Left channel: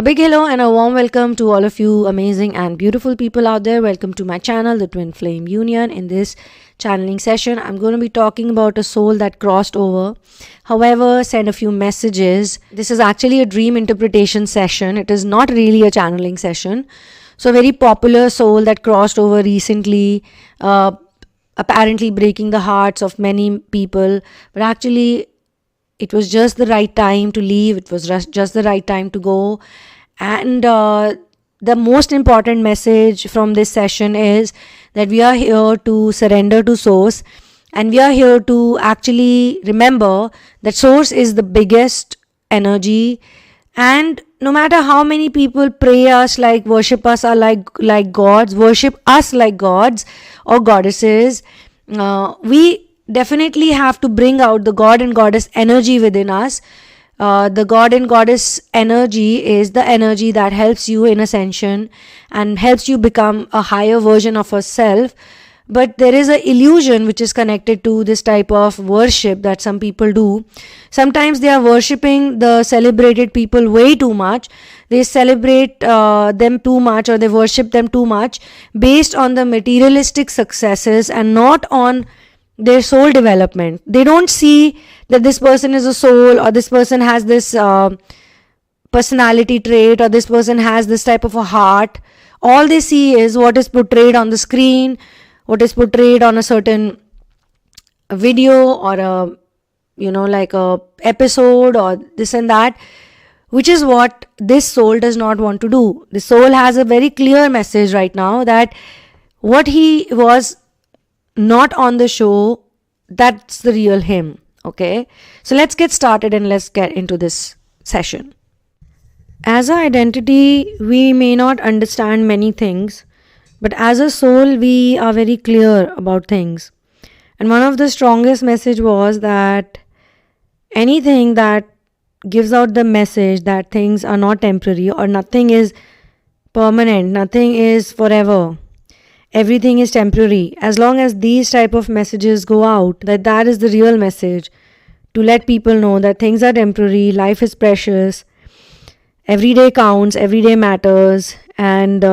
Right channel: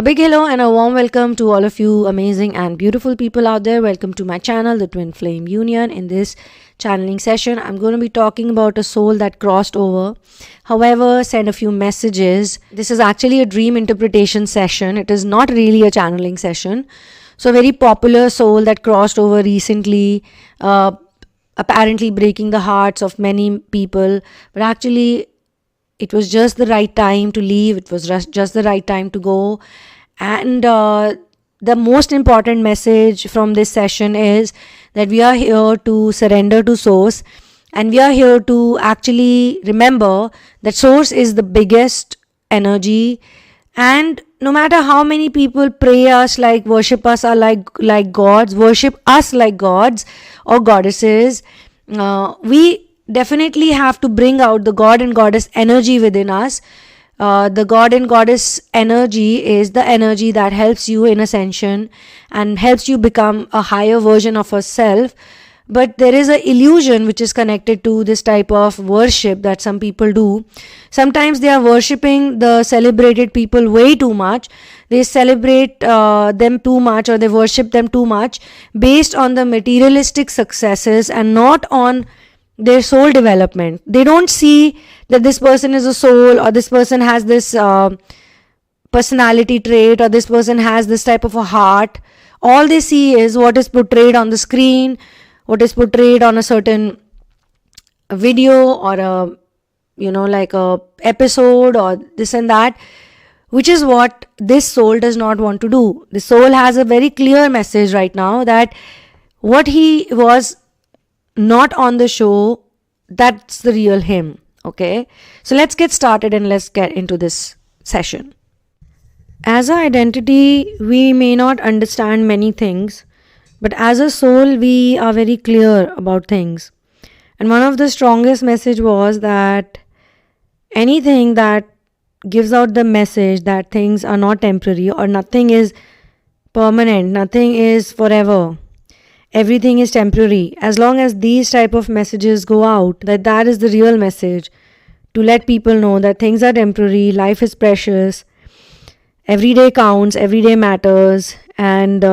A big hello and a warm welcome to all of you amazing and beautiful people out there. Welcome to my channel, the Twinflame Union. In this channeling session, I'm going to be talking about a soul that crossed over. However, send a few messages. This is actually a dream interpretation session. It is not really a channeling session. So, a very popular soul that crossed over recently, apparently breaking the hearts of many people. But actually, it was just the right time to leave. It was just the right time to go. And the most important message from this session is that we are here to surrender to Source. And we are here to actually remember that Source is the biggest energy. And no matter how many people pray us, like worship us or like gods, worship us like gods or goddesses, we definitely have to bring out the God and Goddess energy within us. The God and Goddess energy is the energy that helps you in ascension and helps you become a higher version of yourself. But there is an illusion which is connected to this type of worship that some people do. Sometimes they are worshipping the celebrated people way too much. They celebrate them too much, or they worship them too much based on the materialistic successes and not on their soul development. They don't see that this person is a soul, or this person has this personality trait, or this person has this type of a heart. All they see is what is portrayed on the screen, what is portrayed on a certain video or like a episode or this and that, which is what this soul does not want to do. The soul has a very clear message right now that what he was not on the show, that's the real him. Okay, so let's get started and let's get into this session. As an identity, we may not understand many things, but as a soul, we are very clear about things. And one of the strongest message was that anything that gives out the message that things are not temporary or nothing is permanent, nothing is forever, everything is temporary. As long as these type of messages go out, that is the real message, to let people know that things are temporary, life is precious, every day counts, every day matters. And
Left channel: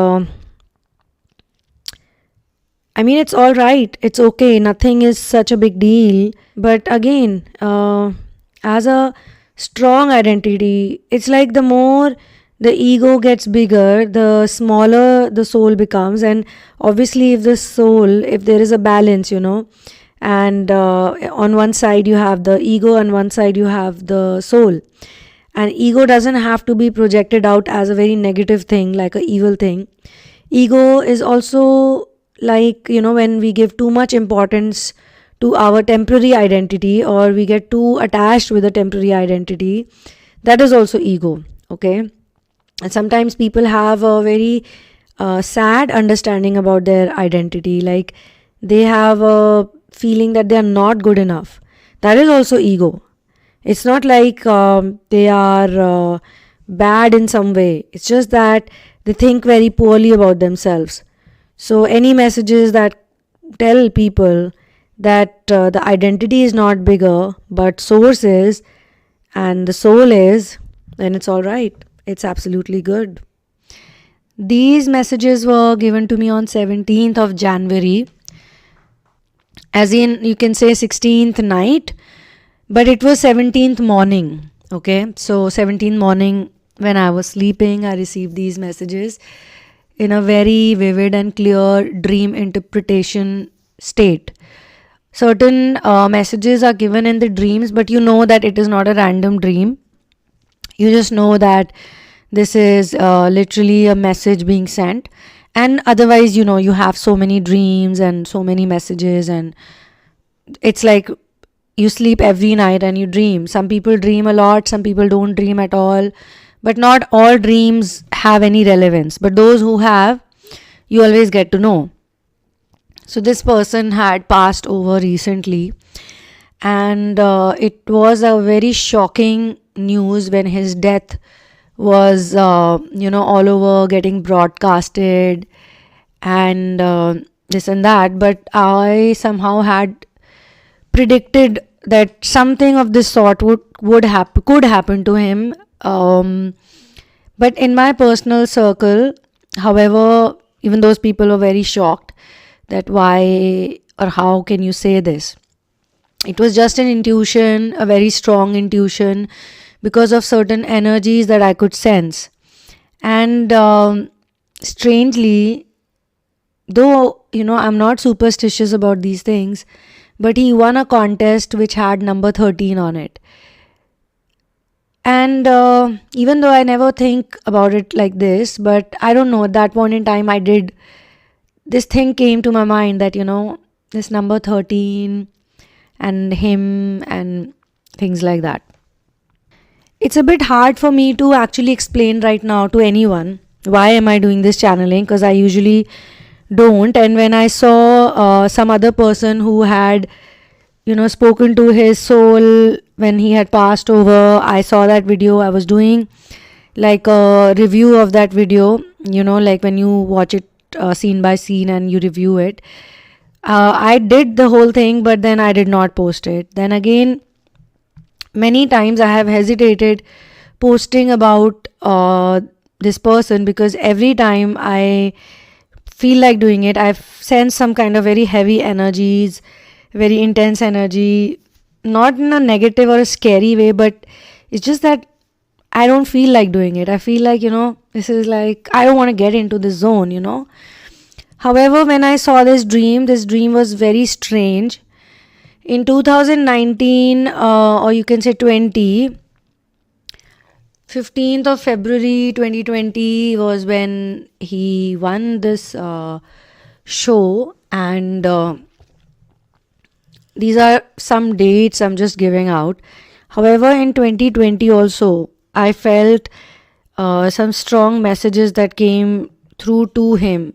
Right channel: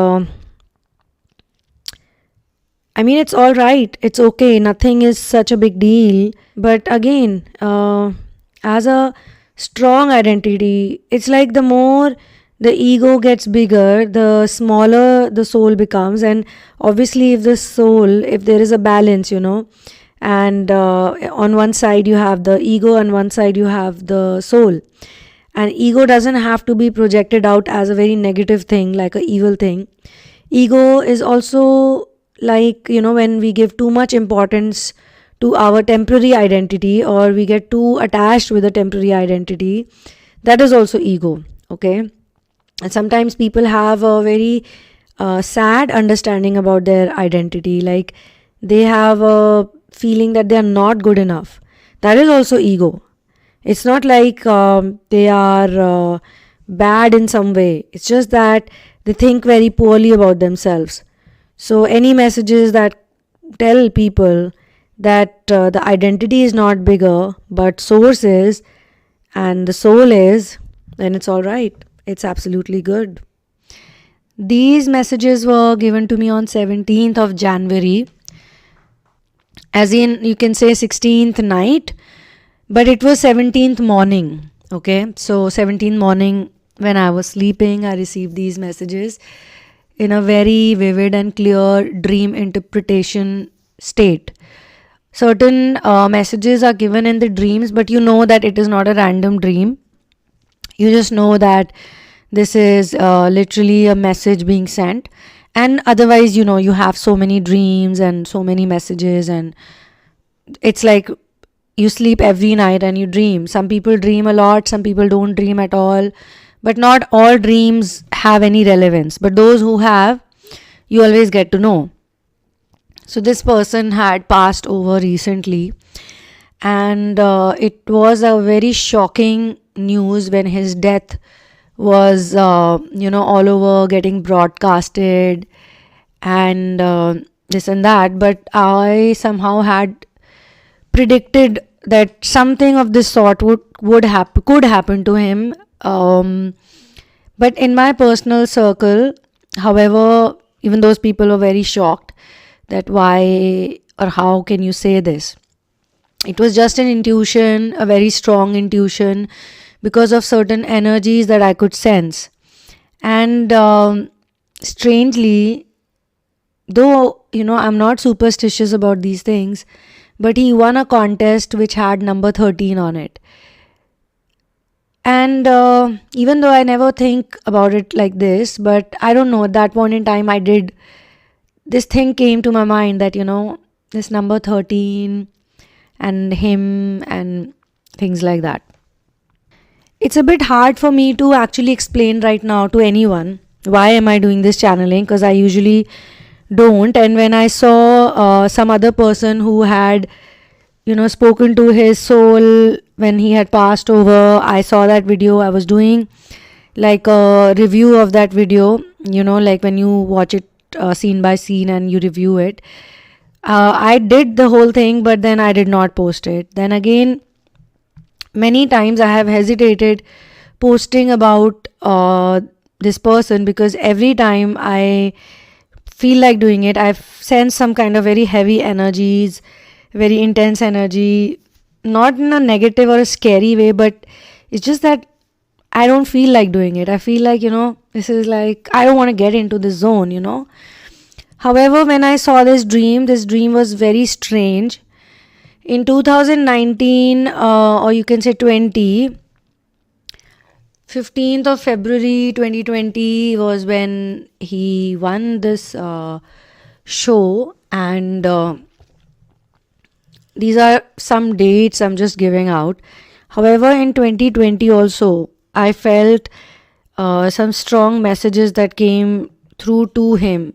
it's all right, it's okay, nothing is such a big deal. But again, as a strong identity, it's like the more the ego gets bigger, the smaller the soul becomes. And obviously if there is a balance, and on one side you have the ego, on one side you have the soul, and ego doesn't have to be projected out as a very negative thing, like a evil thing. Ego is also like, when we give too much importance to our temporary identity, or we get too attached with a temporary identity, that is also ego. Okay. And sometimes people have a very sad understanding about their identity, like they have a feeling that they are not good enough. That is also ego. It's not like they are bad in some way. It's just that they think very poorly about themselves. So any messages that tell people that the identity is not bigger, but source is, and the soul is, then it's all right. It's absolutely good. These messages were given to me on 17th of January. As in, you can say 16th night, but it was 17th morning. Okay, so 17th morning when I was sleeping, I received these messages in a very vivid and clear dream interpretation state. Certain messages are given in the dreams, but you know that it is not a random dream. You just know that this is literally a message being sent. And otherwise, you have so many dreams and so many messages, and it's like you sleep every night and you dream. Some people dream a lot, some people don't dream at all. But not all dreams have any relevance. But those who have, you always get to know. So this person had passed over recently, and it was a very shocking news when his death was all over, getting broadcasted and this and that. But I somehow had predicted that something of this sort could happen to him. But in my personal circle, however, even those people were very shocked that why or how can you say this. It was just an intuition, a very strong intuition, because of certain energies that I could sense. And strangely, though, I'm not superstitious about these things, but he won a contest which had number 13 on it. And even though I never think about it like this, but I don't know, at that point in time, this thing came to my mind that, this number 13 and him and things like that. It's a bit hard for me to actually explain right now to anyone why am I doing this channeling, because I usually don't. And when I saw some other person who had spoken to his soul when he had passed over, I saw that video. I was doing like a review of that video, like when you watch it scene by scene and you review it. I did the whole thing, but then I did not post it. Then again, many times I have hesitated posting about this person, because every time I feel like doing it, I've sensed some kind of very heavy energies, very intense energy, not in a negative or a scary way, but it's just that I don't feel like doing it. I feel like, this is like, I don't want to get into this zone. However, when I saw this dream was very strange. In 2019, or you can say 15th of February 2020 was when he won this show, and these are some dates I'm just giving out. However, in 2020 also, I felt some strong messages that came through to him,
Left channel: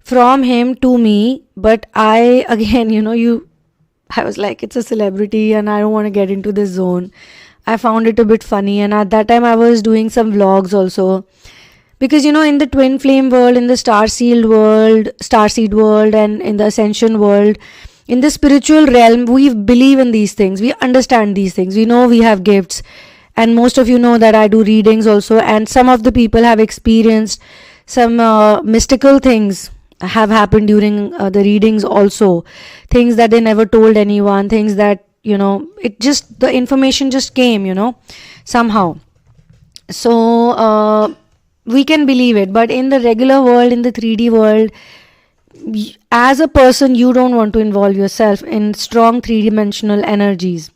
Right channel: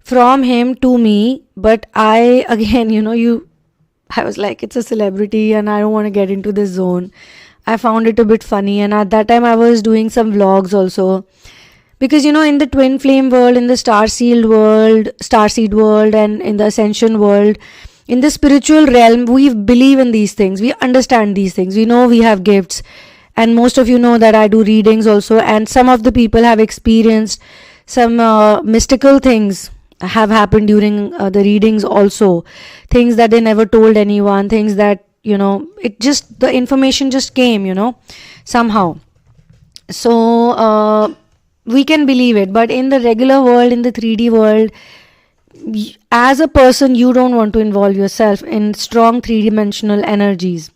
from him to me. But I, again, I was like, it's a celebrity and I don't want to get into this zone. I found it a bit funny, and at that time I was doing some vlogs also, because in the Twinflame world, in the starseed world, and in the ascension world, in the spiritual realm, we believe in these things, we understand these things, we know we have gifts. And most of you know that I do readings also, and some of the people have experienced some mystical things have happened during the readings also, things that they never told anyone, things that the information just came somehow. So we can believe it, but in the regular world, in the 3D world, as a person, you don't want to involve yourself in strong 3-dimensional energies.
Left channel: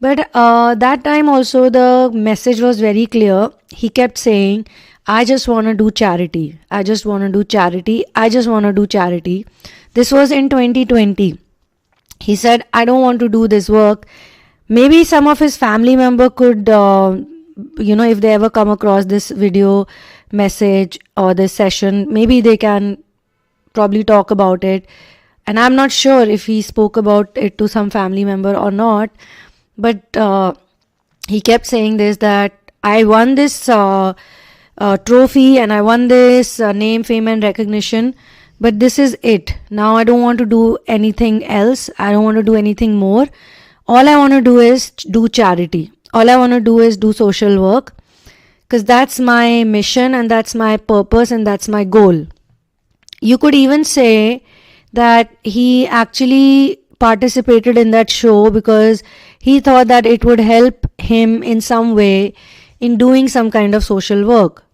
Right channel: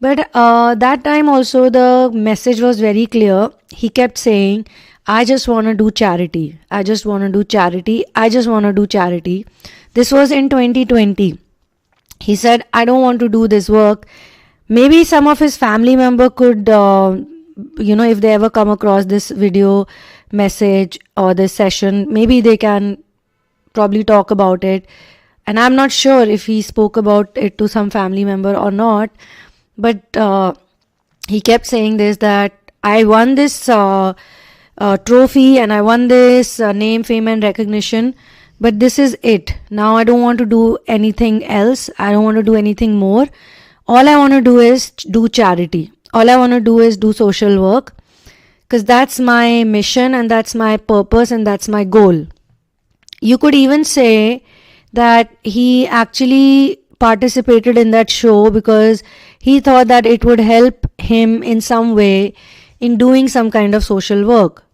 But that time also, the message was very clear. He kept saying, I just want to do charity. I just want to do charity. I just want to do charity. This was in 2020. He said, I don't want to do this work. Maybe some of his family member could, if they ever come across this video message or this session, maybe they can probably talk about it. And I'm not sure if he spoke about it to some family member or not. But he kept saying this, that I won this trophy and I won this name, fame and recognition. But this is it. Now I don't want to do anything else. I don't want to do anything more. All I want to do is do charity. All I want to do is do social work. Because that's my mission and that's my purpose and that's my goal. You could even say that he actually participated in that show because he thought that it would help him in some way in doing some kind of social work.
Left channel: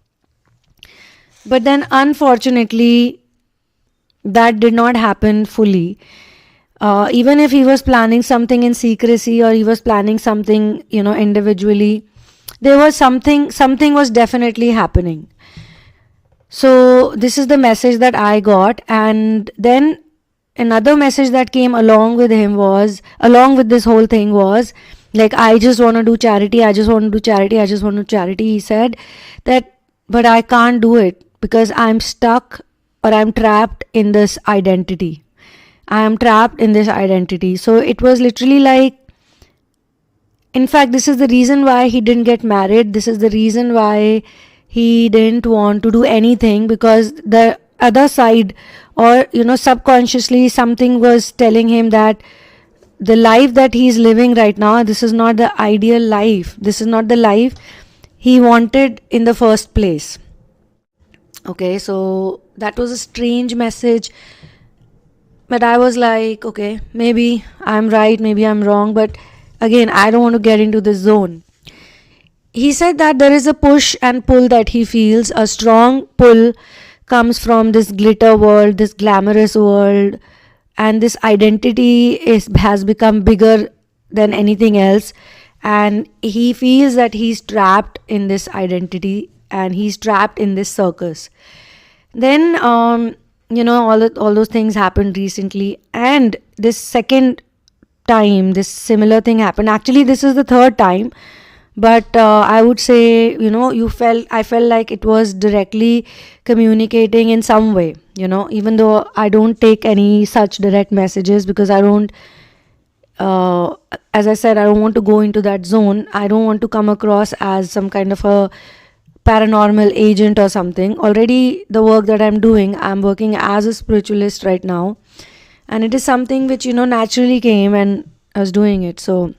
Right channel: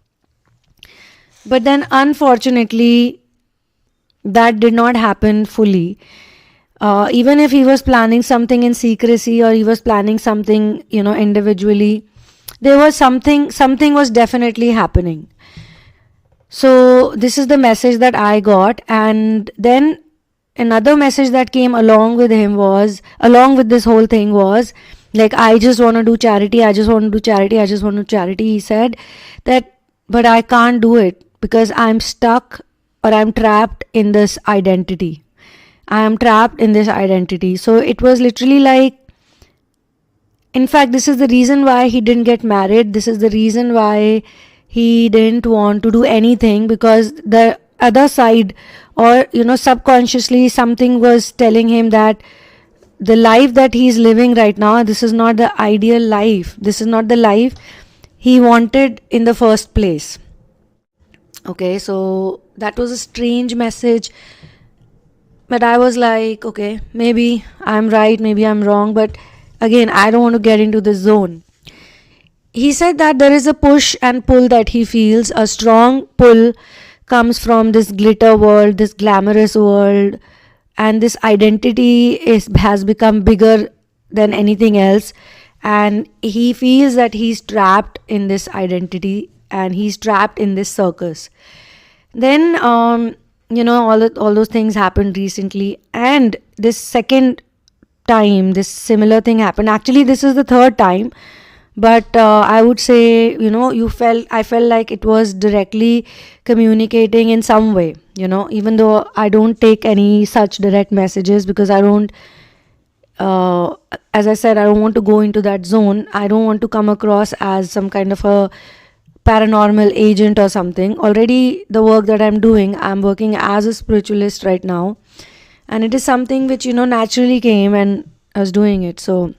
But then unfortunately, that did not happen fully. Even if he was planning something in secrecy or he was planning something, individually, there was something was definitely happening. So this is the message that I got. And then another message that came along with this whole thing was like, I just want to do charity. I just want to do charity. I just want to do charity. He said that, but I can't do it because I'm stuck or I'm trapped in this identity. I am trapped in this identity. So it was literally like, in fact, this is the reason why he didn't get married. This is the reason why he didn't want to do anything, because the other side, or subconsciously, something was telling him that the life that he's living right now, this is not the ideal life. This is not the life he wanted in the first place. Okay, so that was a strange message, but I was like, okay, maybe I'm right, maybe I'm wrong, but again, I don't want to get into this zone. He said that there is a push and pull that he feels. A strong pull comes from this glitter world, this glamorous world, and this identity has become bigger than anything else. And he feels that he's trapped in this identity and he's trapped in this circus. Then, all those things happened recently, and this second time, this similar thing happened. Actually, this is the third time, but I would say, I felt like it was directly communicating in some way, even though I don't take any such direct messages, because I don't, as I said, I don't want to go into that zone. I don't want to come across as some kind of a paranormal agent or something. Already the work that I'm working as a spiritualist right now, and it is something which naturally came and I was doing it. So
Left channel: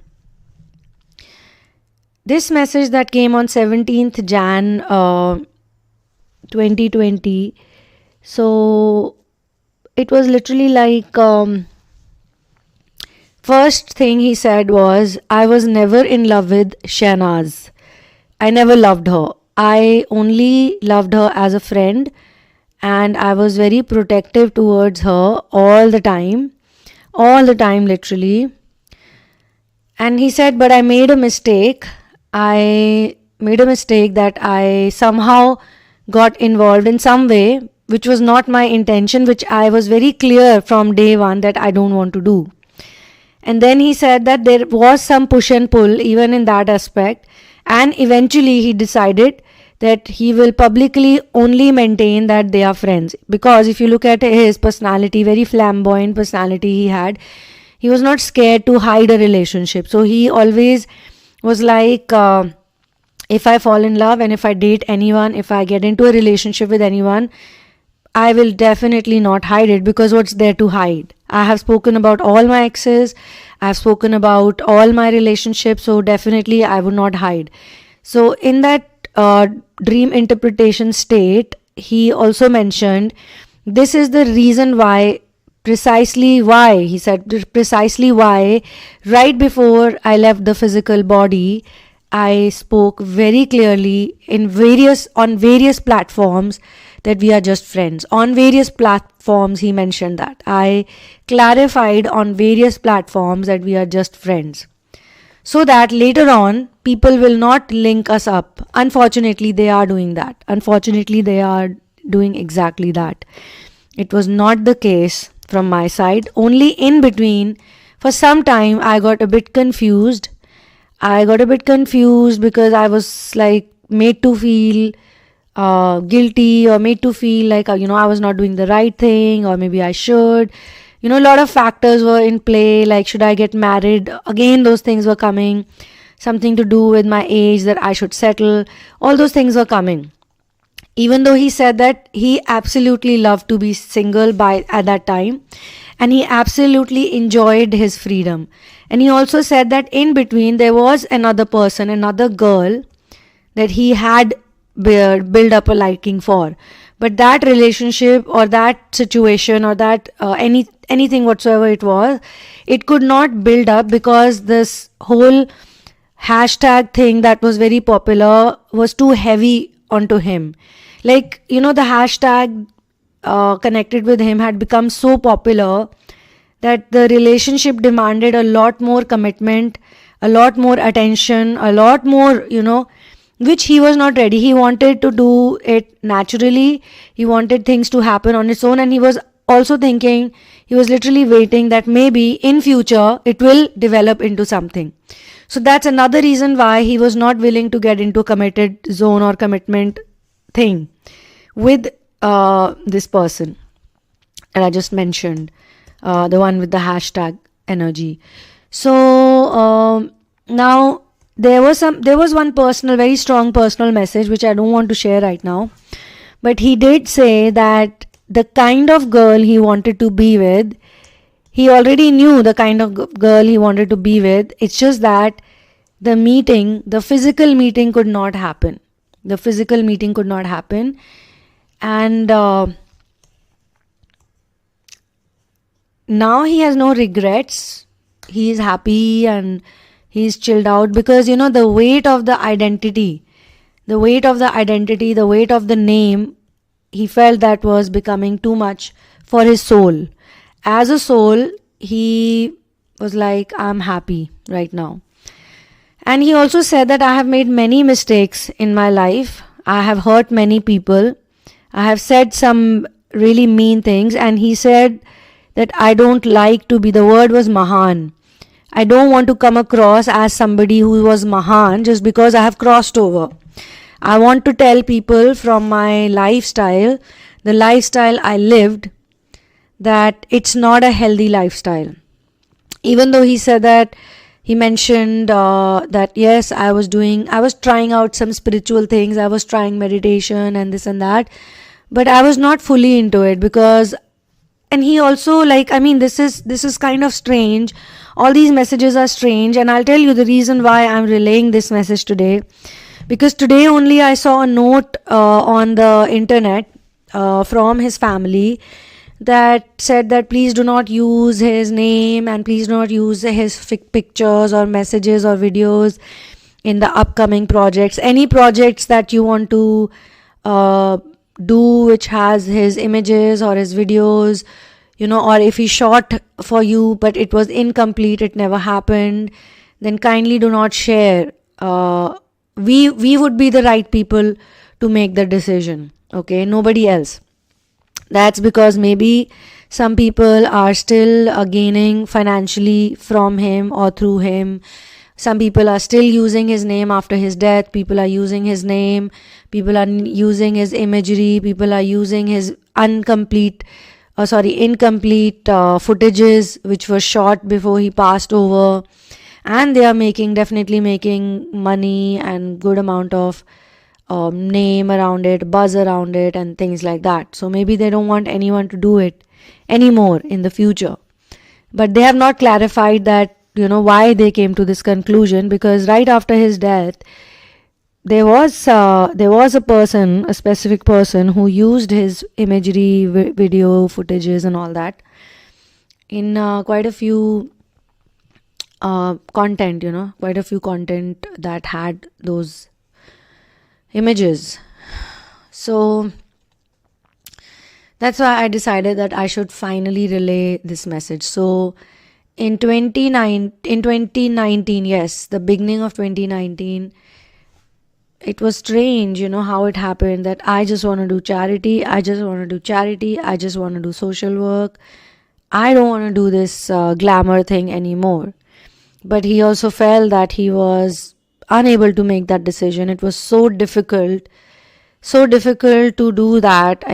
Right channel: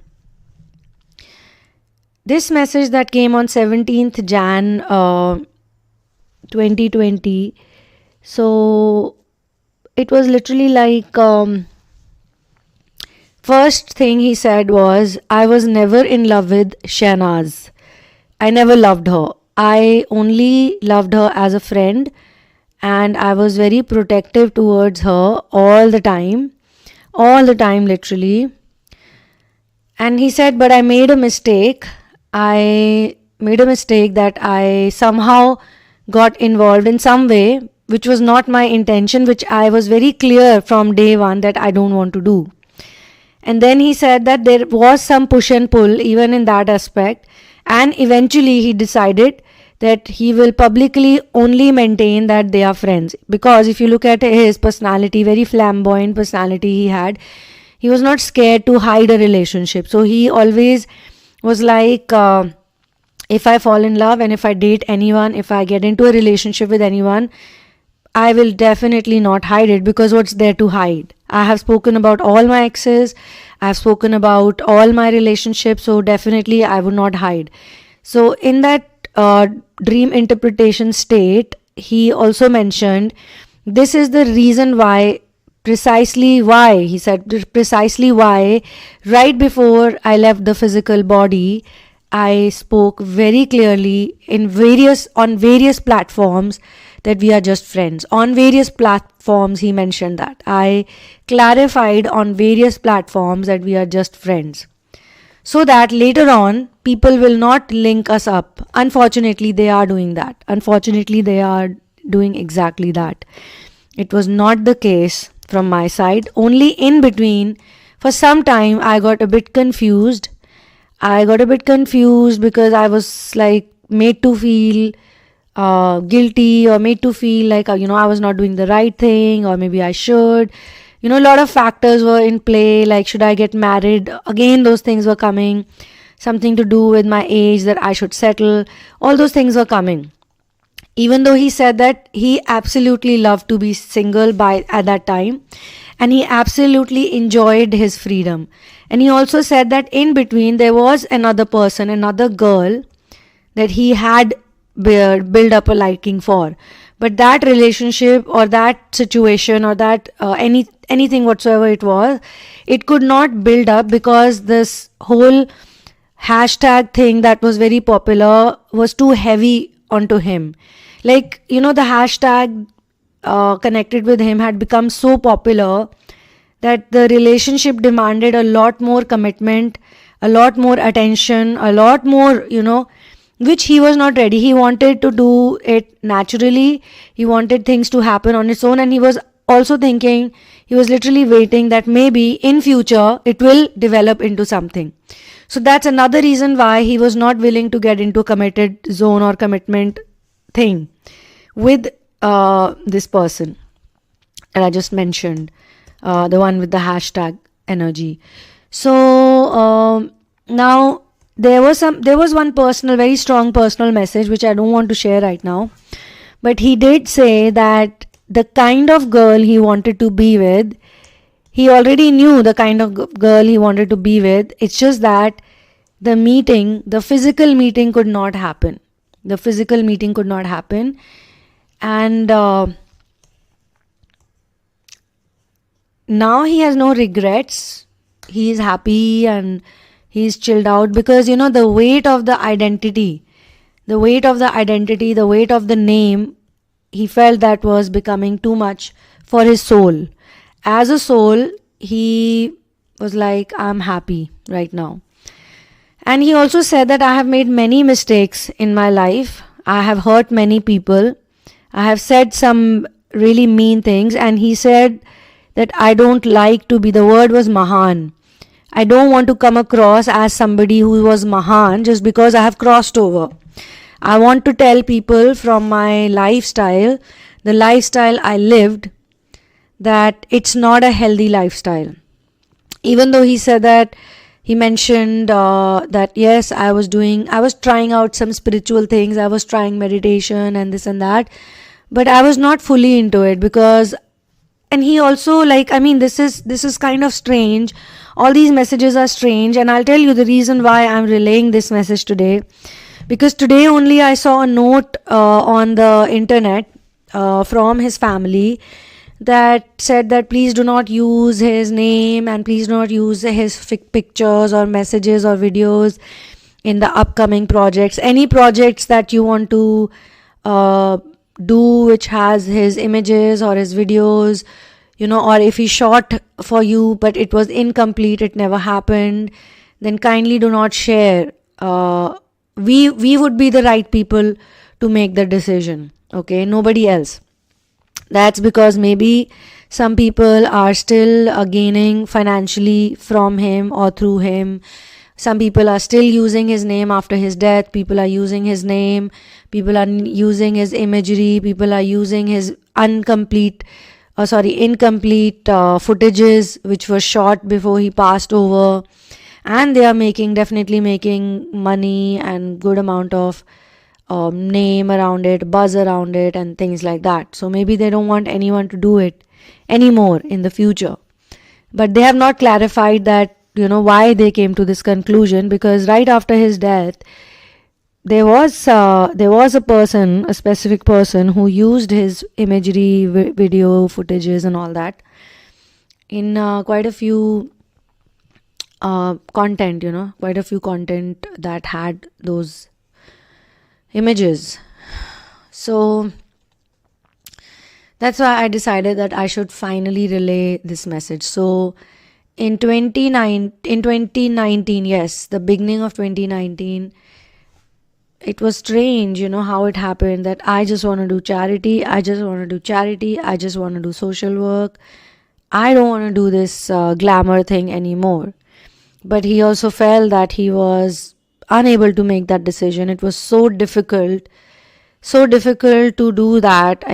this message that came on 17th Jan 2020, so it was literally like, first thing he said was, I was never in love with Shahnaz. I never loved her. I only loved her as a friend, and I was very protective towards her all the time, literally. And he said, but I made a mistake. I made a mistake that I somehow got involved in some way, which was not my intention, which I was very clear from day one that I don't want to do. And then he said that there was some push and pull even in that aspect. And eventually he decided that he will publicly only maintain that they are friends. Because if you look at his personality, very flamboyant personality he was not scared to hide a relationship. So he always was like, if I fall in love and if I date anyone, if I get into a relationship with anyone, I will definitely not hide it, because what's there to hide? I have spoken about all my exes, I have spoken about all my relationships, so definitely I would not hide. So in that dream interpretation state, he also mentioned this is the reason why, he said precisely why right before I left the physical body, I spoke very clearly on various platforms that we are just friends. On various platforms, he mentioned that. I clarified on various platforms that we are just friends, so that later on, people will not link us up. Unfortunately, they are doing that. Unfortunately, they are doing exactly that. It was not the case from my side. Only in between, for some time, I got a bit confused. Because I was like made to feel guilty, or made to feel like, I was not doing the right thing, or maybe I should. A lot of factors were in play, like should I get married? Again, those things were coming. Something to do with my age, that I should settle. All those things were coming. Even though he said that he absolutely loved to be single at that time, and he absolutely enjoyed his freedom. And he also said that in between there was another person, another girl that he had build up a liking for, but that relationship or that situation or that anything whatsoever it could not build up, because this whole hashtag thing that was very popular was too heavy onto him. Like, the hashtag connected with him had become so popular that the relationship demanded a lot more commitment, a lot more attention, a lot more, which he was not ready. He wanted to do it naturally. He wanted things to happen on its own. And he was also thinking, he was literally waiting that maybe in future it will develop into something. So that's another reason why he was not willing to get into a committed zone or commitment thing with this person that I just mentioned, the one with the hashtag energy. So now there was one very strong personal message which I don't want to share right now, but he did say that the kind of girl he wanted to be with, he already knew the kind of girl he wanted to be with. It's just that the physical meeting could not happen. And now he has no regrets. He is happy and he's chilled out, because the weight of the identity, the weight of the name, he felt that was becoming too much for his soul. As a soul, he was like, I'm happy right now. And he also said that I have made many mistakes in my life. I have hurt many people. I have said some really mean things. And he said that I don't like to be, the word was Mahan. I don't want to come across as somebody who was Mahan just because I have crossed over. I want to tell people from my lifestyle, the lifestyle I lived, that it's not a healthy lifestyle. Even though he said that, he mentioned that yes, I was trying out some spiritual things, I was trying meditation and this and that, but I was not fully into it, because, and he also this is kind of strange. All these messages are strange, and I'll tell you the reason why I'm relaying this message today. Because today only I saw a note on the internet from his family that said that please do not use his name and please do not use his pictures or messages or videos in the upcoming projects. Any projects that you want to do which has his images or his videos, or if he shot for you but it was incomplete, it never happened, then kindly do not share. We would be the right people to make the decision, okay? Nobody else. That's because maybe some people are still gaining financially from him or through him. Some people are still using his name after his death. People are using his name. People are using his imagery. People are using his incomplete footages which were shot before he passed over. And they are definitely making money and good amount of name around it, buzz around it and things like that. So maybe they don't want anyone to do it anymore in the future. But they have not clarified that, why they came to this conclusion, because right after his death, there was a person, a specific person who used his imagery, video, footages and all that in quite a few content, quite a few content that had those images. So that's why I decided that I should finally relay this message. So in 2019, yes, the beginning of 2019, it was strange, how it happened, that I just want to do charity, I just want to do social work. I don't want to do this glamour thing anymore. But he also felt that he was unable to make that decision. It was so difficult to do that.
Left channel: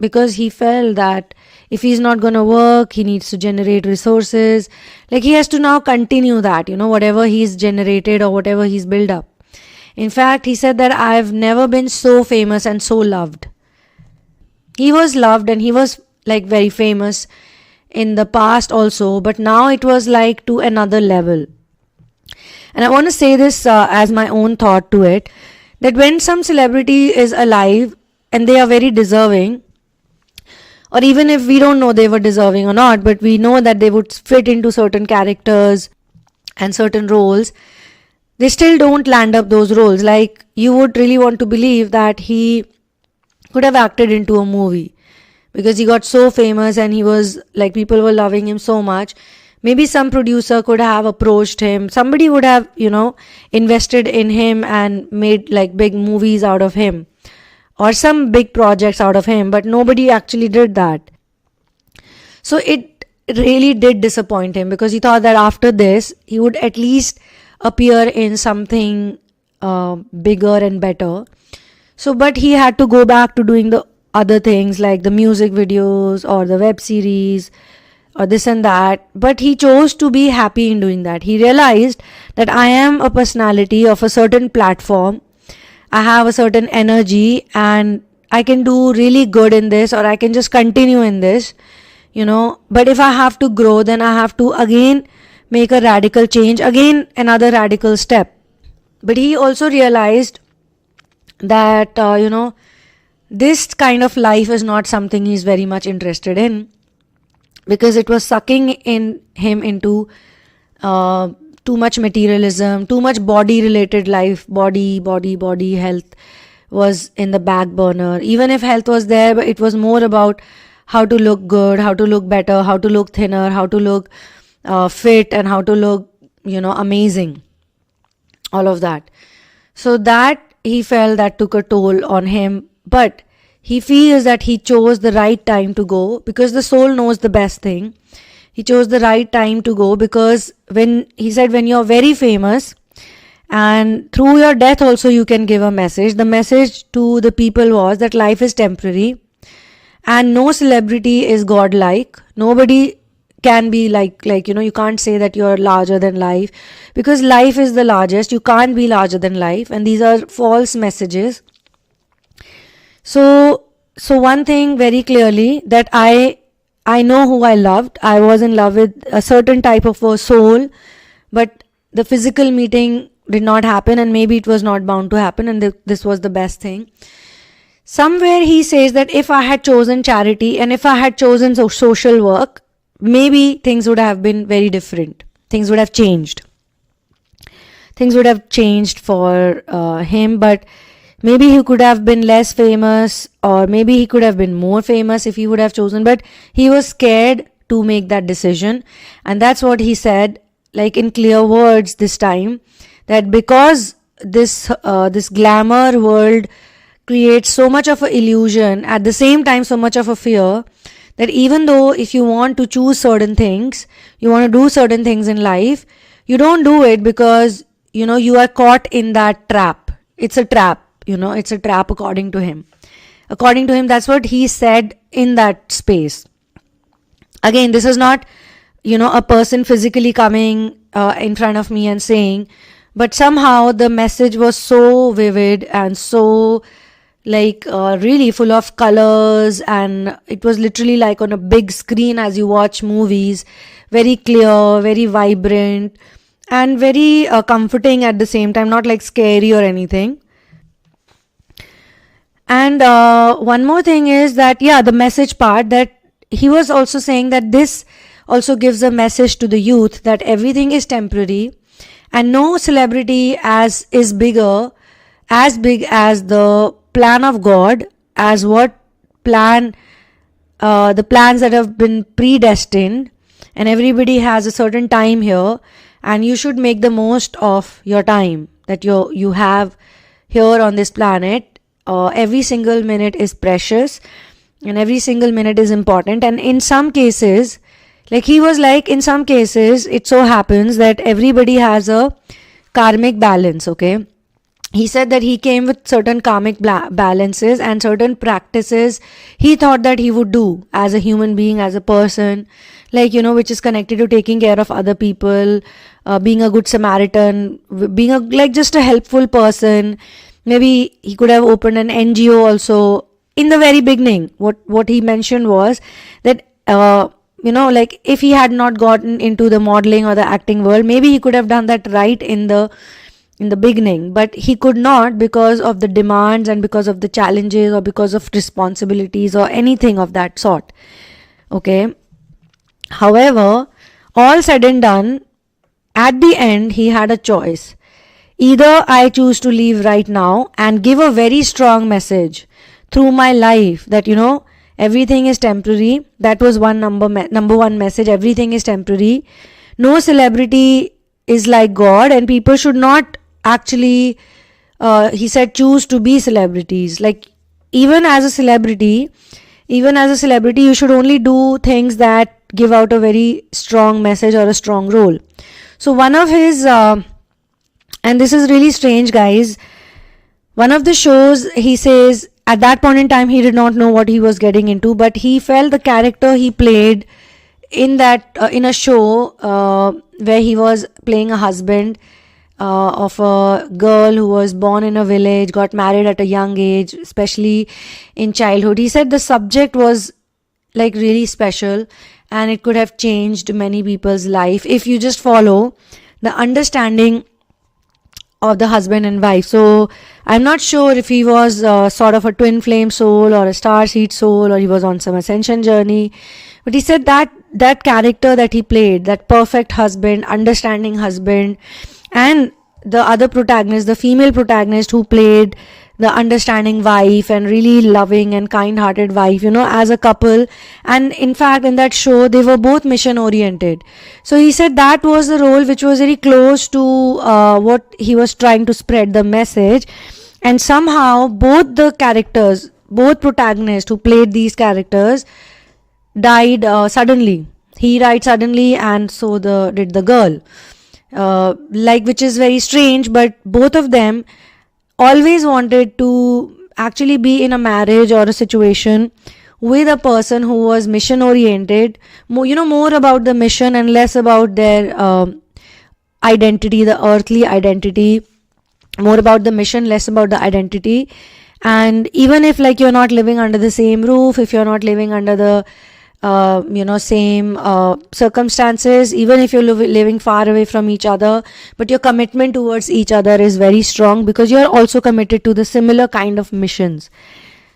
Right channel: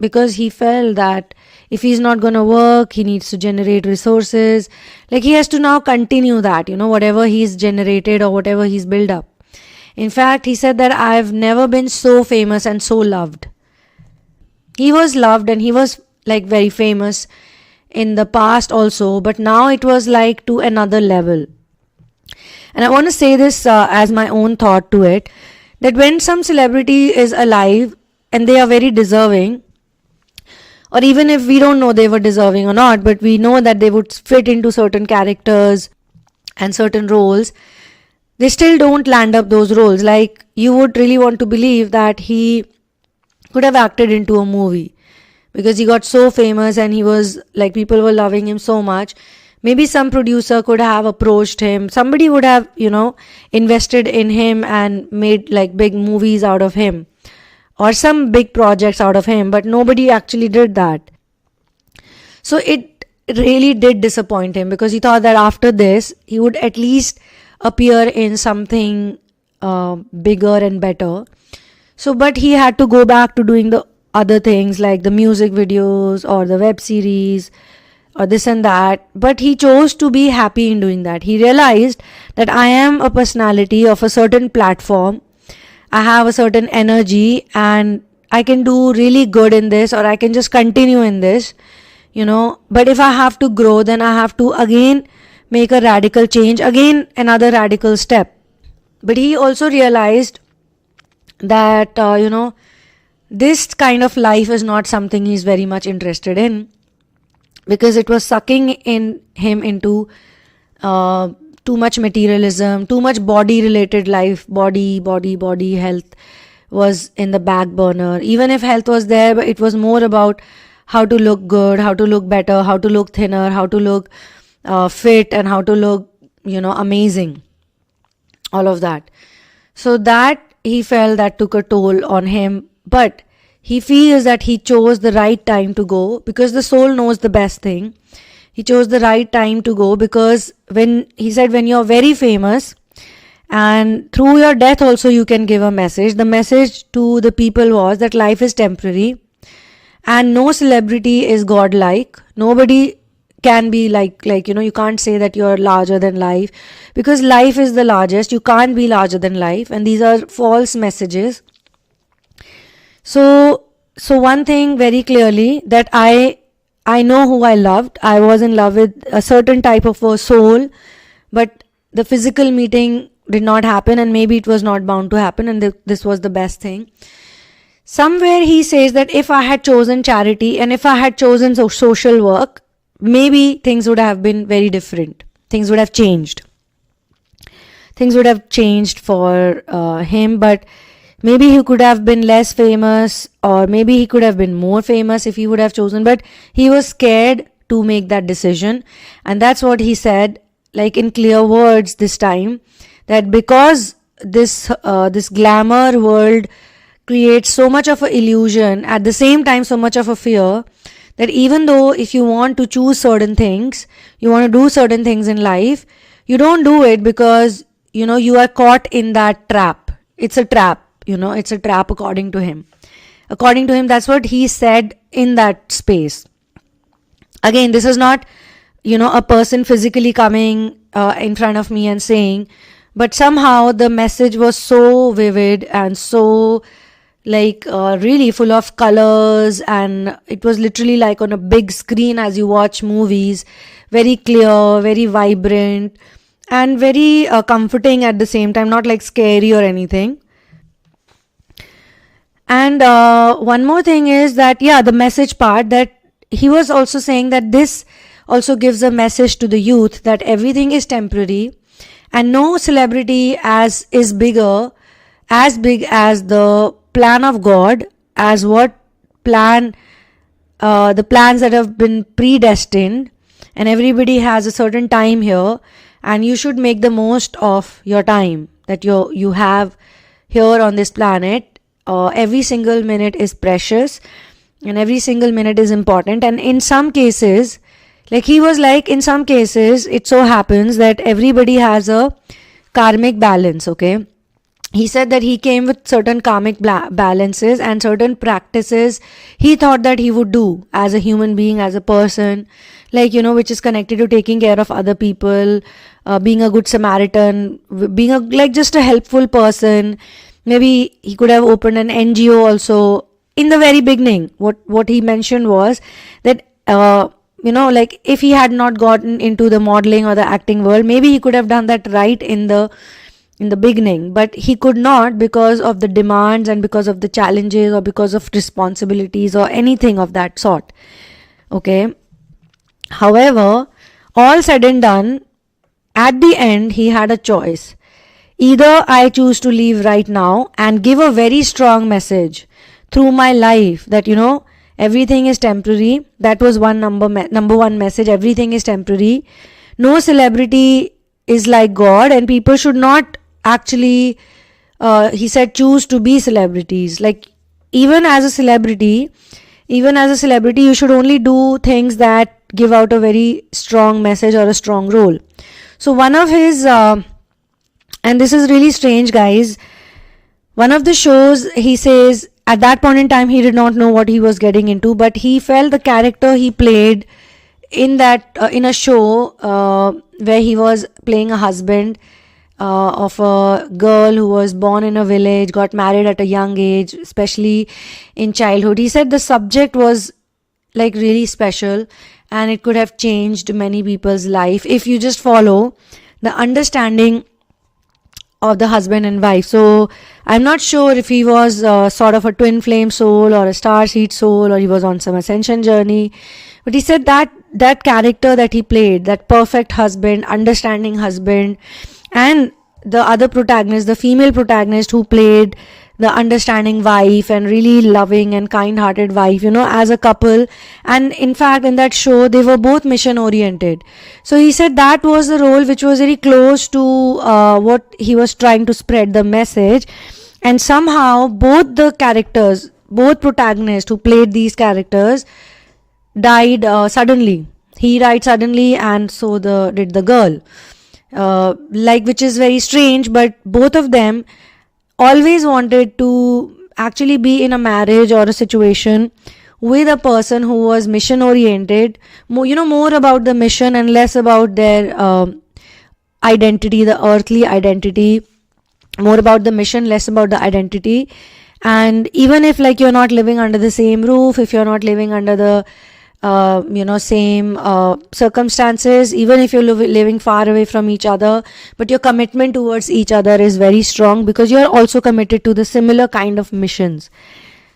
Because he felt that if he's not going to work, he needs to generate resources. He has to now continue that, whatever he's generated or whatever he's built up. In fact, he said that I've never been so famous and so loved. He was loved and he was very famous in the past also, but now it was to another level. And I want to say this as my own thought to it, that when some celebrity is alive and they are very deserving, or even if we don't know they were deserving or not, but we know that they would fit into certain characters and certain roles, they still don't land up those roles. You would really want to believe that he could have acted into a movie, because he got so famous and he was people were loving him so much. Maybe some producer could have approached him. Somebody would have, invested in him and made big movies out of him or some big projects out of him, but nobody actually did that. So it really did disappoint him, because he thought that after this, he would at least appear in something bigger and better. So, but he had to go back to doing the other things like the music videos or the web series or this and that. But he chose to be happy in doing that. He realized that I am a personality of a certain platform. I have a certain energy and I can do really good in this, or I can just continue in this, But if I have to grow, then I have to again make a radical change. Again, another radical step. But he also realized that, this kind of life is not something he's very much interested in, because it was sucking him into too much materialism, too much body related life. Body health was in the back burner. Even if health was there, but it was more about how to look good, how to look better, how to look thinner, how to look fit, and how to look amazing, all of that. So that he felt that took a toll on him, but he feels that he chose the right time to go, because the soul knows the best thing. He chose the right time to go, because when you're very famous and through your death also you can give a message. The message to the people was that life is temporary and no celebrity is godlike. Nobody can be like you can't say that you're larger than life, because life is the largest. You can't be larger than life, and these are false messages. So one thing very clearly, that I know who I loved. I was in love with a certain type of a soul, but the physical meeting did not happen, and maybe it was not bound to happen, and this was the best thing. Somewhere he says that if I had chosen charity and if I had chosen social work, maybe things would have been very different. Things would have changed. Things would have changed for him, but maybe he could have been less famous, or maybe he could have been more famous if he would have chosen, but he was scared to make that decision. And that's what he said, like in clear words this time, that because this glamour world creates so much of an illusion, at the same time so much of a fear, that even though if you want to choose certain things, you want to do certain things in life, you don't do it, because you are caught in that trap. It's a trap. It's a trap according to him. According to him, that's what he said in that space. Again, this is not, a person physically coming in front of me and saying, but somehow the message was so vivid and so really full of colors, and it was literally like on a big screen as you watch movies, very clear, very vibrant, and very comforting at the same time, not like scary or anything. And one more thing is that, the message part, that he was also saying that this also gives a message to the youth that everything is temporary, and no celebrity is as big as the plan of God, as what plan, the plans that have been predestined, and everybody has a certain time here, and you should make the most of your time that you have here on this planet. Every single minute is precious, and every single minute is important. And in some cases, in some cases, it so happens that everybody has a karmic balance, okay? He said that he came with certain karmic balances and certain practices he thought that he would do as a human being, as a person, which is connected to taking care of other people, being a good Samaritan, being just a helpful person. Maybe he could have opened an NGO also. In the very beginning, what he mentioned was that, if he had not gotten into the modeling or the acting world, maybe he could have done that right in the beginning, but he could not, because of the demands and because of the challenges or because of responsibilities or anything of that sort. Okay. However, all said and done, at the end, he had a choice. Either I choose to leave right now and give a very strong message through my life that, everything is temporary. That was number one message. Everything is temporary. No celebrity is like God, and people should not actually, he said, choose to be celebrities. Even as a celebrity, you should only do things that give out a very strong message or a strong role. So one of his, and this is really strange, guys, one of the shows, he says, at that point in time, he did not know what he was getting into, but he felt the character he played in that, in a show, where he was playing a husband of a girl who was born in a village, got married at a young age, especially in childhood. He said the subject was really special, and it could have changed many people's life if you just follow the understanding of the husband and wife. So I'm not sure if he was sort of a twin flame soul or a star seed soul, or he was on some ascension journey, but he said that that character that he played, that perfect husband, understanding husband, and the other protagonist, the female protagonist who played the understanding wife and really loving and kind-hearted wife, as a couple. And in fact, in that show, they were both mission-oriented. So he said that was the role which was very close to what he was trying to spread, the message. And somehow, both the characters, both protagonists who played these characters, died suddenly. He died suddenly, and so did the girl. Which is very strange, but both of them always wanted to actually be in a marriage or a situation with a person who was mission oriented, more about the mission and less about their identity, the earthly identity, more about the mission, less about the identity. And even if you're not living under the same roof, if you're not living under the same circumstances, even if you're living far away from each other, but your commitment towards each other is very strong because you're also committed to the similar kind of missions.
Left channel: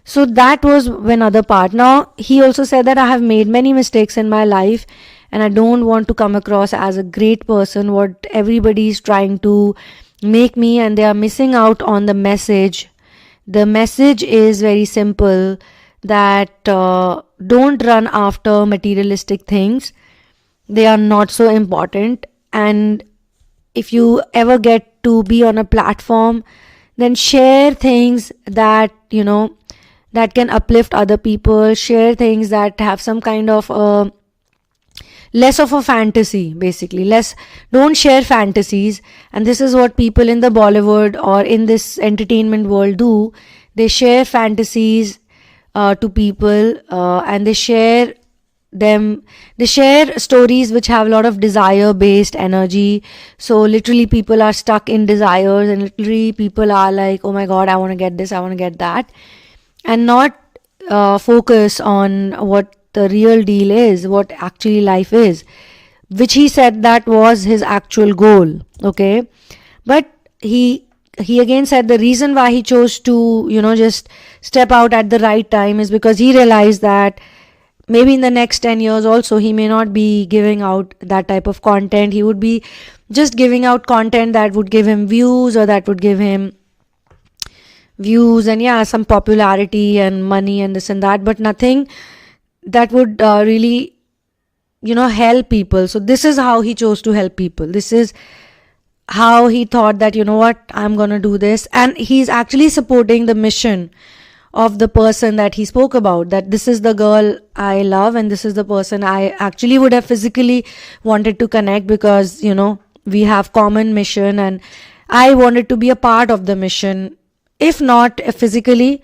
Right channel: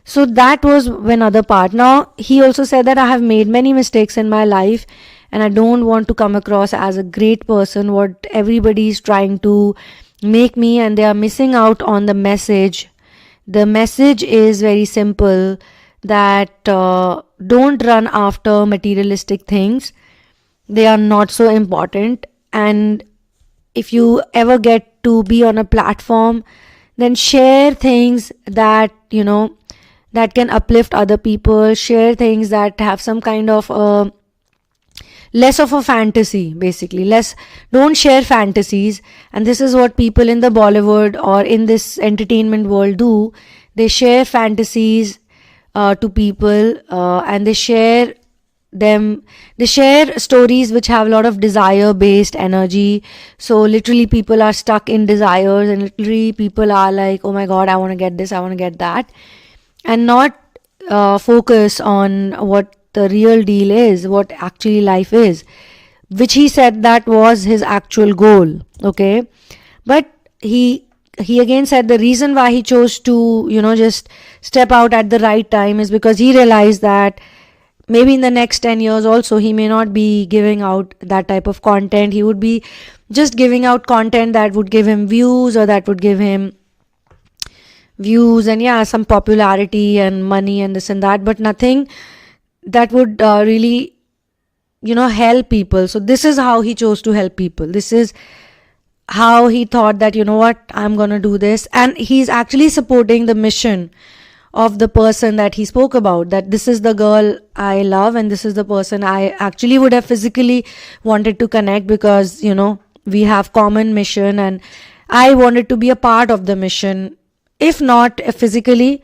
So that was another part. Now, he also said that I have made many mistakes in my life and I don't want to come across as a great person, what everybody is trying to make me, and they are missing out on the message. The message is very simple, that don't run after materialistic things. They are not so important. And if you ever get to be on a platform, then share things that, that can uplift other people. Share things that have some kind of less of a fantasy, basically. Don't share fantasies. And this is what people in the Bollywood or in this entertainment world do. They share fantasies to people, and they share stories which have a lot of desire based energy. So literally people are stuck in desires, and literally people are like, oh my god, I want to get this, I want to get that, and not focus on what the real deal is, what actually life is, which he said that was his actual goal. Okay, but he again said the reason why he chose to, just step out at the right time is because he realized that maybe in the next 10 years also he may not be giving out that type of content. He would be just giving out content that would give him views, or that would give him views and some popularity and money and this and that, but nothing that would really, help people. So this is how he chose to help people. This is how he thought that, I'm going to do this. And he's actually supporting the mission of the person that he spoke about, that this is the girl I love and this is the person I actually would have physically wanted to connect, because, we have common mission and I wanted to be a part of the mission. If not physically,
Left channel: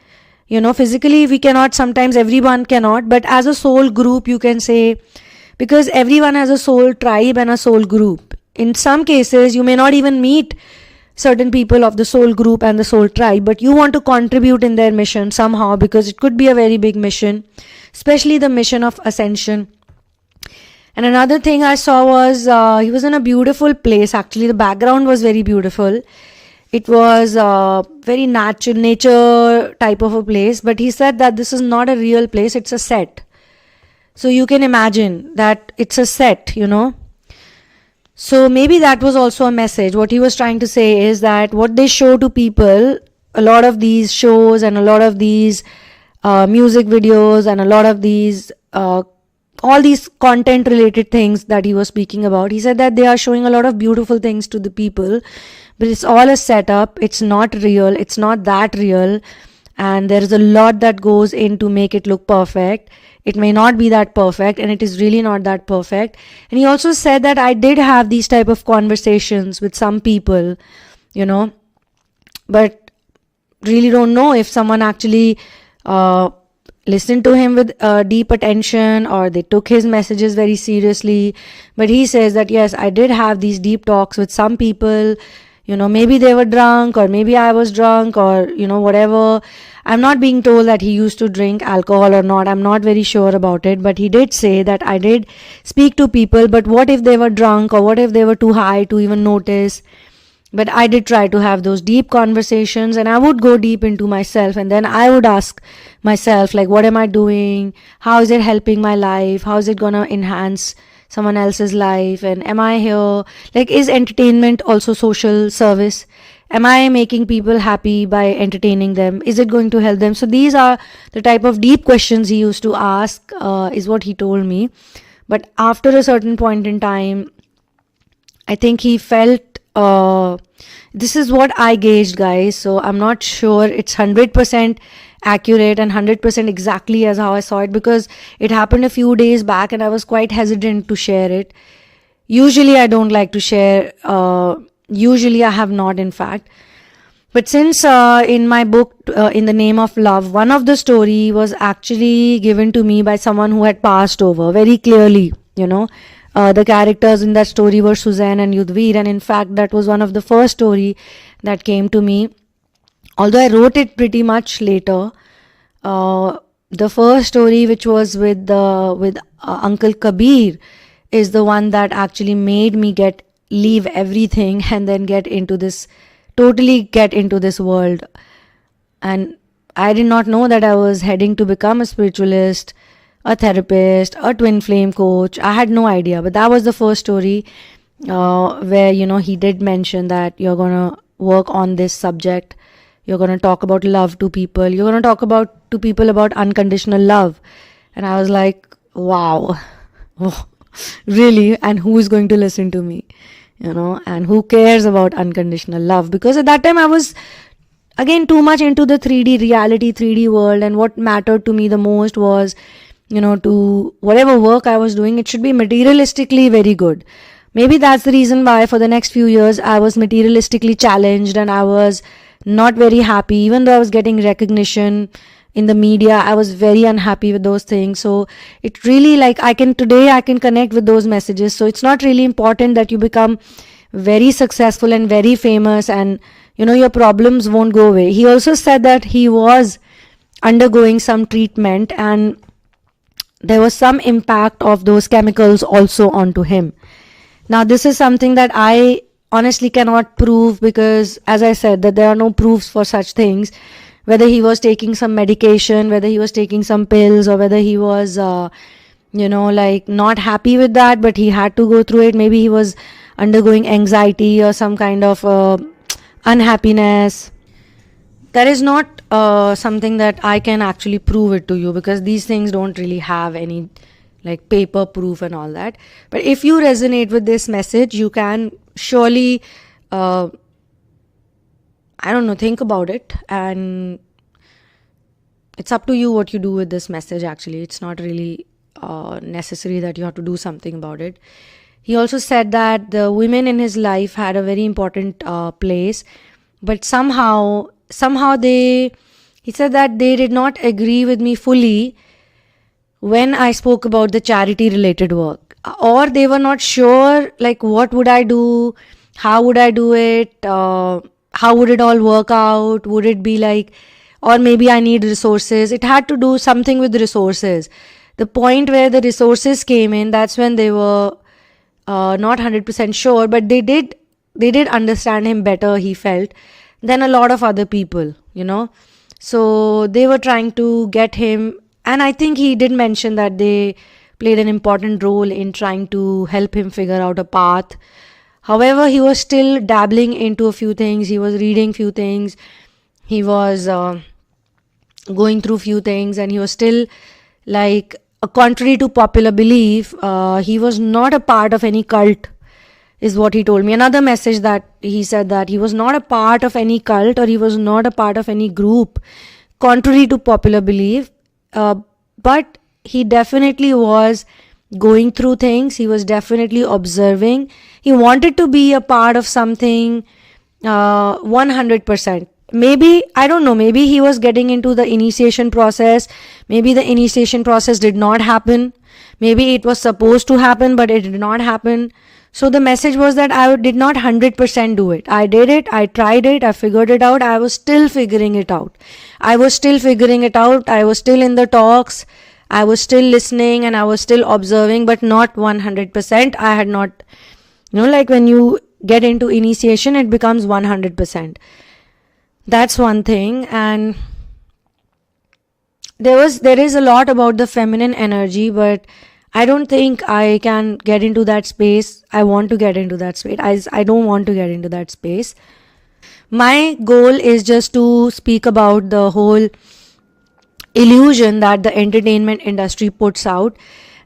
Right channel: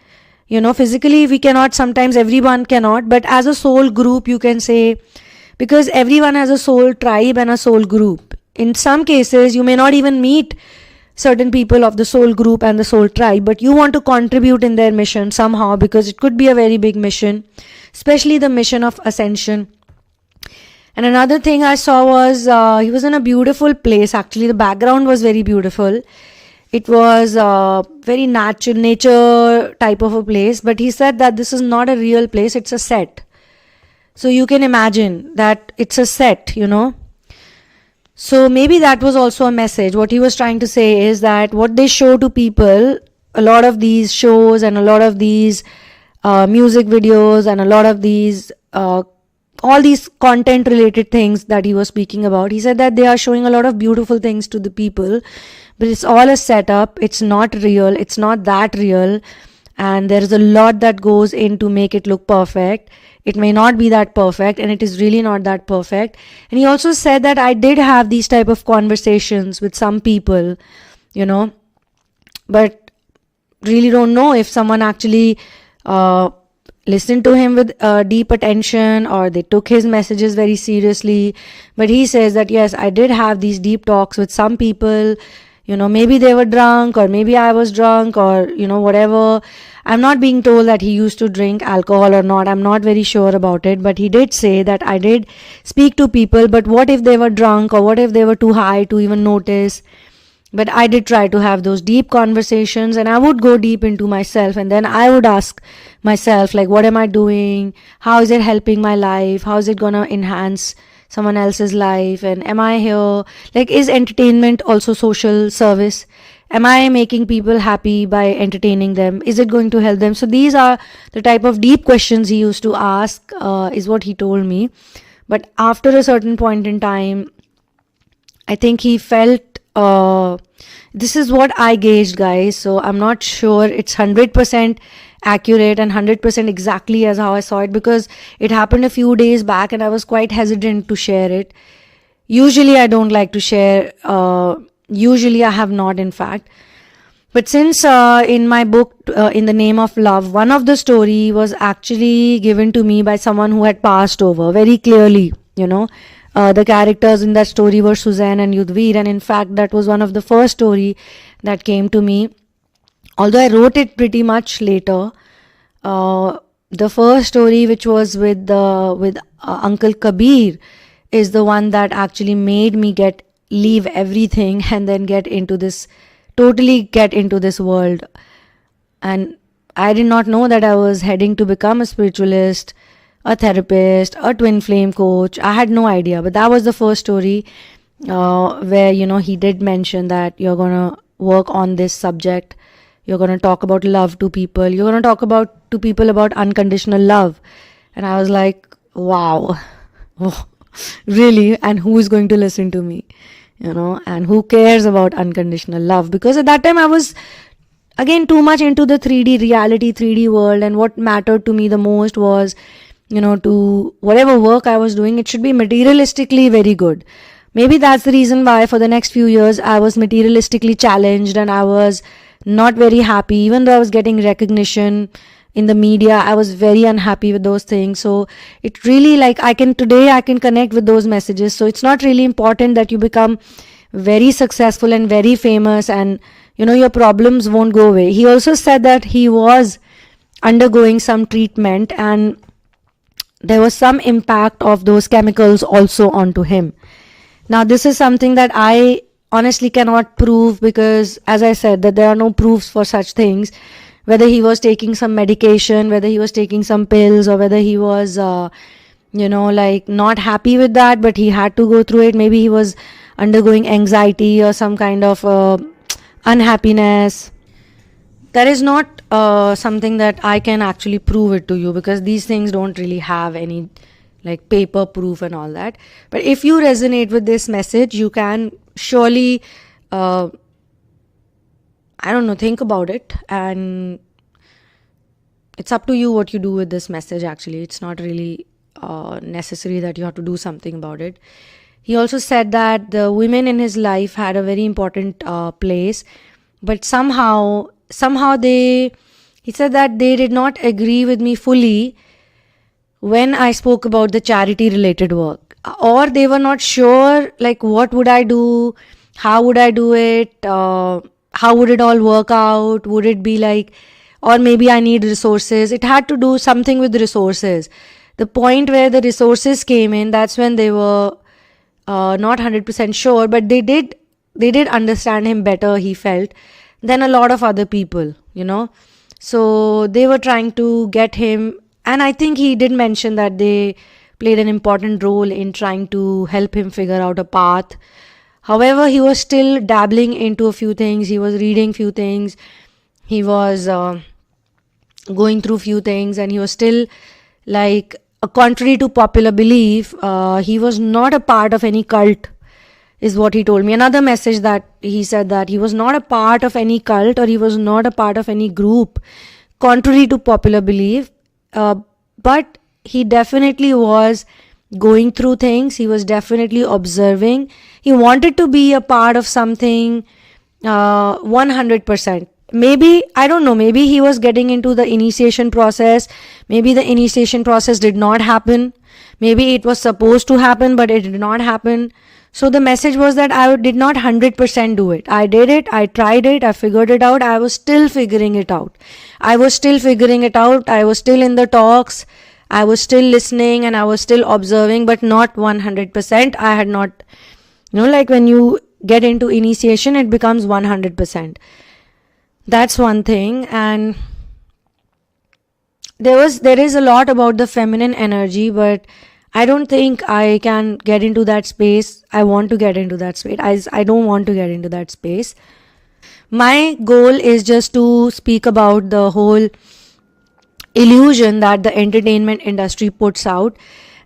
physically we cannot, sometimes everyone cannot, but as a soul group you can say, because everyone has a soul tribe and a soul group. In some cases, you may not even meet certain people of the soul group and the soul tribe, but you want to contribute in their mission somehow, because it could be a very big mission, especially the mission of ascension. And another thing I saw was he was in a beautiful place. Actually, the background was very beautiful. It was very nature type of a place, but he said that this is not a real place, it's a set. So you can imagine that it's a set, So maybe that was also a message. What he was trying to say is that what they show to people, a lot of these shows and a lot of these music videos and a lot of these, all these content related things that he was speaking about, he said that they are showing a lot of beautiful things to the people, but it's all a setup. It's not real. It's not that real. And there is a lot that goes in to make it look perfect. It may not be that perfect, and it is really not that perfect. And he also said that I did have these type of conversations with some people, but really don't know if someone actually listened to him with deep attention or they took his messages very seriously. But he says that yes, I did have these deep talks with some people, maybe they were drunk, or maybe I was drunk, or whatever. I'm not being told that he used to drink alcohol or not. I'm not very sure about it, but he did say that I did speak to people, but what if they were drunk, or what if they were too high to even notice? But I did try to have those deep conversations, and I would go deep into myself, and then I would ask myself, like, what am I doing? How is it helping my life? How is it gonna enhance someone else's life? And am I here? Like, is entertainment also social service? Am I making people happy by entertaining them? Is it going to help them? So these are the type of deep questions he used to ask, is what he told me. But after a certain point in time, I think he felt, this is what I gauged, guys. So I'm not sure it's 100% accurate and 100% exactly as how I saw it, because it happened a few days back and I was quite hesitant to share it. Usually I don't like to share, usually I have not, in fact. But since in my book, In the Name of Love, one of the story was actually given to me by someone who had passed over very clearly, the characters in that story were Suzanne and Yudhvir, and in fact that was one of the first story that came to me. Although I wrote it pretty much later, the first story, which was with Uncle Kabir, is the one that actually made me leave everything and then totally get into this world. And I did not know that I was heading to become a spiritualist, a therapist, a twin flame coach. I had no idea, but that was the first story where, he did mention that you're going to work on this subject. You're going to talk about love to people. You're going to talk to people about unconditional love. And I was like, wow, really? And who's going to listen to me? And who cares about unconditional love? Because at that time I was, again, too much into the 3D reality, 3D world. And what mattered to me the most was, to whatever work I was doing, it should be materialistically very good. Maybe that's the reason why for the next few years I was materialistically challenged and I was not very happy. Even though I was getting recognition in the media, I was very unhappy with those things. So it really, like, today I can connect with those messages. So it's not really important that you become very successful and very famous and, your problems won't go away. He also said that he was undergoing some treatment and there was some impact of those chemicals also onto him. Now, this is something that I honestly cannot prove because, as I said, that there are no proofs for such things. Whether he was taking some medication, whether he was taking some pills, or whether he was, not happy with that, but he had to go through it. Maybe he was undergoing anxiety or some kind of unhappiness. There is not something that I can actually prove it to you because these things don't really have any paper proof and all that. But if you resonate with this message, you can surely, think about it, and it's up to you what you do with this message. Actually, it's not really necessary that you have to do something about it. He also said that the women in his life had a very important place, but somehow he said that they did not agree with me fully when I spoke about the charity related work, or they were not sure what would I do, how would I do it, how would it all work out, would it be or maybe I need resources. It had to do something with resources. The point where the resources came in, that's when they were not 100% sure, but they did understand him better, he felt, than a lot of other people, So they were trying to get him, and I think he did mention that they played an important role in trying to help him figure out a path. However, he was still dabbling into a few things. He was reading few things. He was going through few things, and he was still contrary to popular belief, he was not a part of any cult, is what he told me. Another message that he said that he was not a part of any cult or he was not a part of any group, contrary to popular belief. But he definitely was going through things. He was definitely observing. He wanted to be a part of something 100%. Maybe, I don't know, maybe he was getting into the initiation process. Maybe the initiation process did not happen. Maybe it was supposed to happen, but it did not happen. So the message was that I did not 100% do it. I did it, I tried it, I figured it out, I was still figuring it out. I was still in the talks, I was still listening, and I was still observing, but not 100%. I had not, like when you get into initiation, it becomes 100%. That's one thing. And there is a lot about the feminine energy, but I don't think I can get into that space. I want to get into that space. I don't want to get into that space. My goal is just to speak about the whole illusion that the entertainment industry puts out.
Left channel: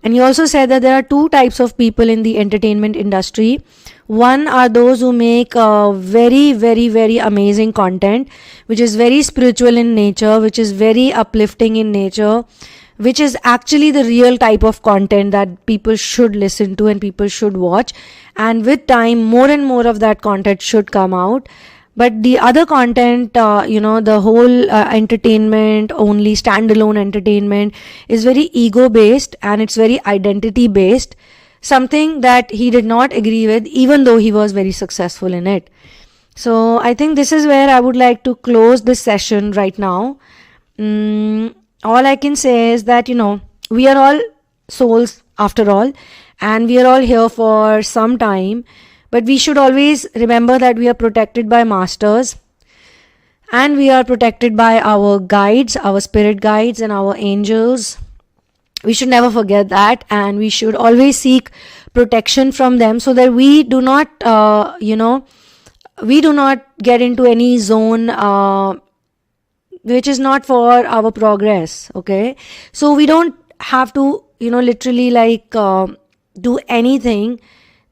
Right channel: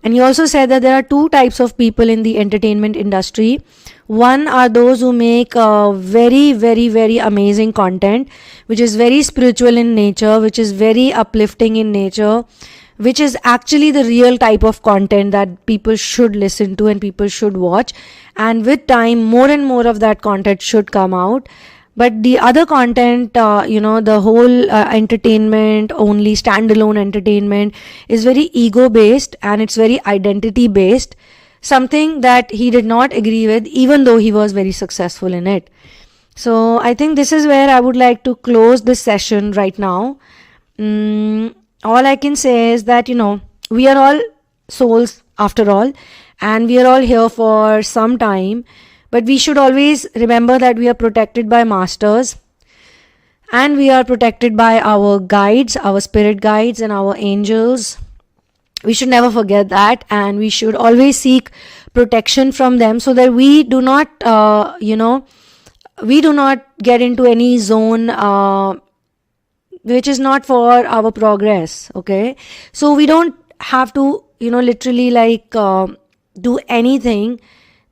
And he also said that there are two types of people in the entertainment industry. One are those who make very, very, very amazing content, which is very spiritual in nature, which is very uplifting in nature, which is actually the real type of content that people should listen to and people should watch. And with time, more and more of that content should come out. But the other content, the whole entertainment, only standalone entertainment, is very ego-based and it's very identity-based. Something that he did not agree with, even though he was very successful in it. So I think this is where I would like to close this session right now. All I can say is that, we are all souls after all, and we are all here for some time, but we should always remember that we are protected by masters, and we are protected by our guides, our spirit guides and our angels. We should never forget that, and we should always seek protection from them so that we do not, get into any zone which is not for our progress, okay? So we don't have to, literally do anything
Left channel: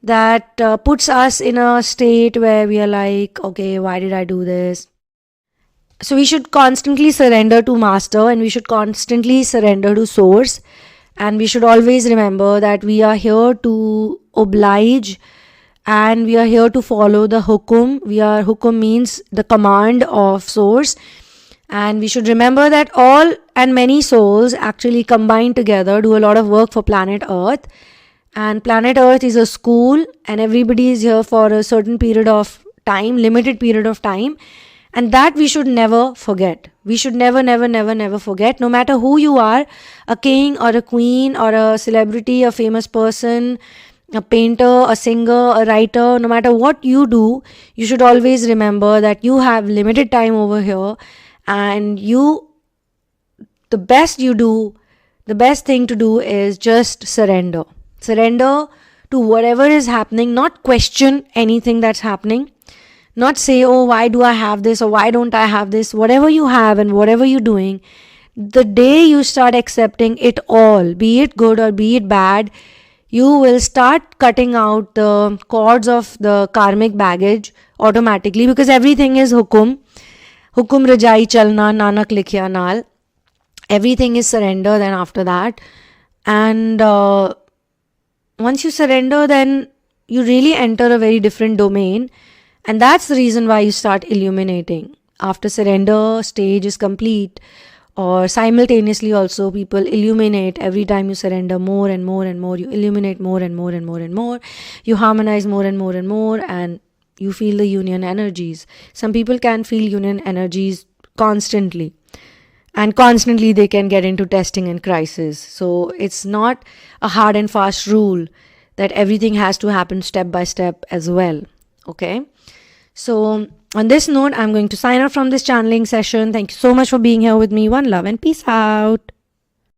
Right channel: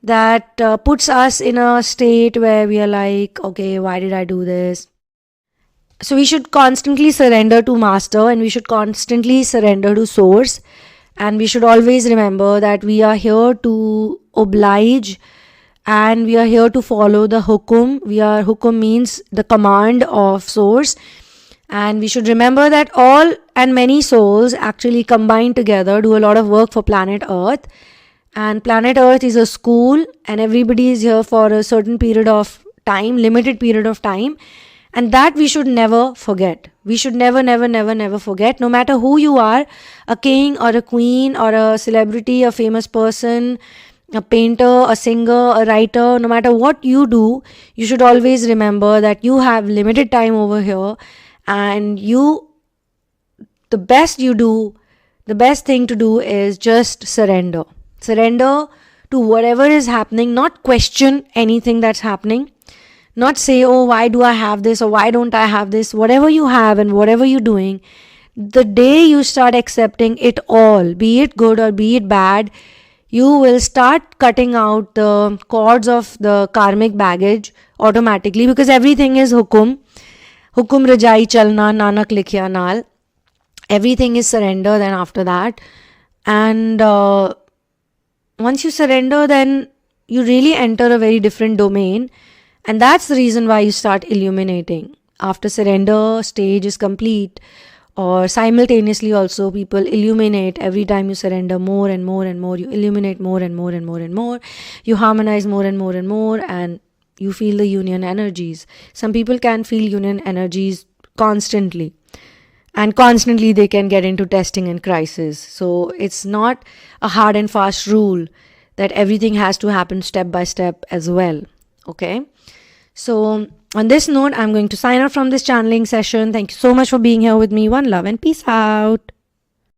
that puts us in a state where we are like, okay, why did I do this? So we should constantly surrender to Master, and we should constantly surrender to Source, and we should always remember that we are here to oblige, and we are here to follow the hukum. Hukum means the command of Source. And we should remember that all and many souls actually combine together, do a lot of work for planet Earth. And planet Earth is a school, and everybody is here for a certain period of time, limited period of time. And that we should never forget. We should never, never, never, never forget. No matter who you are, a king or a queen or a celebrity, a famous person, a painter, a singer, a writer, no matter what you do, you should always remember that you have limited time over here. And the best thing to do is just surrender. Surrender to whatever is happening, not question anything that's happening. Not say, oh, why do I have this or why don't I have this? Whatever you have and whatever you're doing, the day you start accepting it all, be it good or be it bad, you will start cutting out the cords of the karmic baggage automatically, because everything is hukum. Hukum rajai chalna, Nanak likhya naal. Everything is surrender then after that. And once you surrender, then you really enter a very different domain. And that's the reason why you start illuminating. After surrender stage is complete, or simultaneously also people illuminate every time you surrender more and more and more. You illuminate more and more and more and more. You harmonize more and more and more, and you feel the union energies. Some people can feel union energies constantly, and constantly they can get into testing and crisis. So it's not a hard and fast rule that everything has to happen step by step as well. Okay. So on this note, I'm going to sign off from this channeling session. Thank you so much for being here with me. One love and peace out.